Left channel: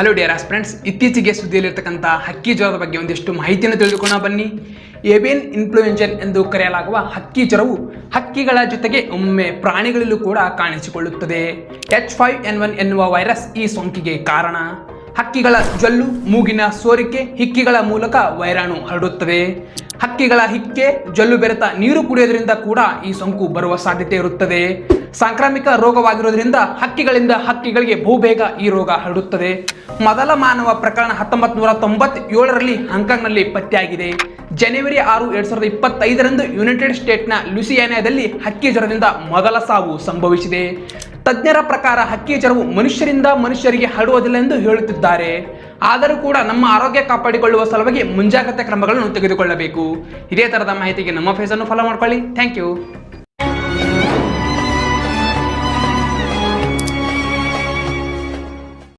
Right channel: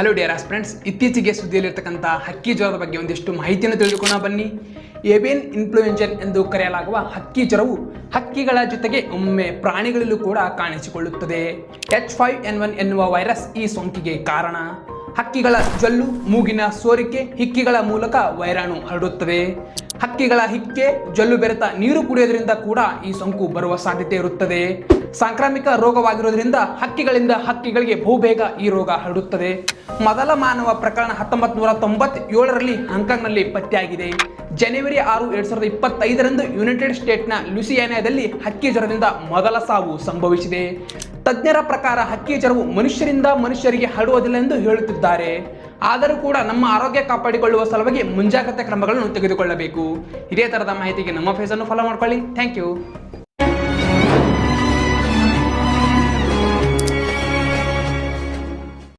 Hello dear aspirants, ಇತ್ತೀಚೆಗೆ ಸುದ್ದಿಯಲ್ಲಿರ್ತಕ್ಕಂಥ ಹಕ್ಕಿ ಜ್ವರದ ಬಗ್ಗೆ ಒಂದಿಷ್ಟು ಮಾಹಿತಿಯನ್ನು ತಿಳಿದುಕೊಳ್ಳೋಣ ಬನ್ನಿ. ಏವಿಯನ್ ಇನ್ಫ್ಲೂಯೆಂಜಾ ಎಂದು ಕರೆಯಲಾಗುವ ಹಕ್ಕಿ ಜ್ವರವು ಹಕ್ಕಿಗಳ ಜೊತೆಗೆ ಒಮ್ಮೆ ಪ್ರಾಣಿಗಳಲ್ಲೂ ಕೂಡ ಕಾಣಿಸಿಕೊಳ್ಳುತ್ತದೆ. H5N1 ಎನ್ನುವ ವೈರಸ್ ಈ ಸೋಂಕಿಗೆ ಕಾರಣ. ಹಕ್ಕಿಗಳ ಜೊಲ್ಲು, ಮೂಗಿನ ಸೋರಿಕೆ, ಹಿಕ್ಕಿಗಳ ಮೂಲಕ ವೈರಾಣು ಹರಡುತ್ತದೆ. ಹಕ್ಕಿಗಳ ಹಿಕ್ಕೆ, ಜೊಲ್ಲು ಬೆರೆತ ನೀರು ಕುಡಿಯೋದ್ರಿಂದ ಕೂಡ ಈ ಸೋಂಕು ಬರುವ ಸಾಧ್ಯತೆ ಇರುತ್ತದೆ. ಸಾಂಕ್ರಾಮಿಕ ರೋಗವಾಗಿರೋದ್ರಿಂದ ಹಕ್ಕಿಗಳಿಂದ ಹಕ್ಕಿಗಳಿಗೆ ಬಹುಬೇಗ ಈ ರೋಗ ಹರಡುತ್ತದೆ. ಮೊದಲ ಮಾನವ ಪ್ರಕರಣ 1997ರಲ್ಲಿ ಹಾಂಗ್ಕಾಂಗ್ನಲ್ಲಿ ಪತ್ತೆಯಾಗಿದೆ. ಜನವರಿ 6, 2025ರಂದು ಯುನೈಟೆಡ್ ಸ್ಟೇಟ್ನ ಲೂಸಿಯಾನಿಯಾದಲ್ಲಿ ಹಕ್ಕಿ ಜ್ವರದಿಂದ ಮೊದಲ ಸಾವು ಸಂಭವಿಸಿದೆ. ತಜ್ಞರ ಪ್ರಕಾರ ಹಕ್ಕಿ ಜ್ವರವು ಮನುಷ್ಯರಿಂದ ಮನುಷ್ಯರಿಗೆ ಹರಡುವುದಿಲ್ಲ ಎಂದು ಹೇಳುತ್ತಿದ್ದಾರೆ. ಆದರೂ ಕೂಡ ನಮ್ಮ ಆರೋಗ್ಯ ಕಾಪಾಡಿಕೊಳ್ಳುವ ಸಲುವಾಗಿ ಮುಂಜಾಗ್ರತಾ ಕ್ರಮಗಳನ್ನು ತೆಗೆದುಕೊಳ್ಳಬೇಕು. ಇದೇ ತರಹದ ಮಾಹಿತಿಗೆ ನಮ್ಮ ಫೇಸನ್ನು ಫಾಲೋ ಮಾಡ್ಕೊಳ್ಳಿ. Thank you.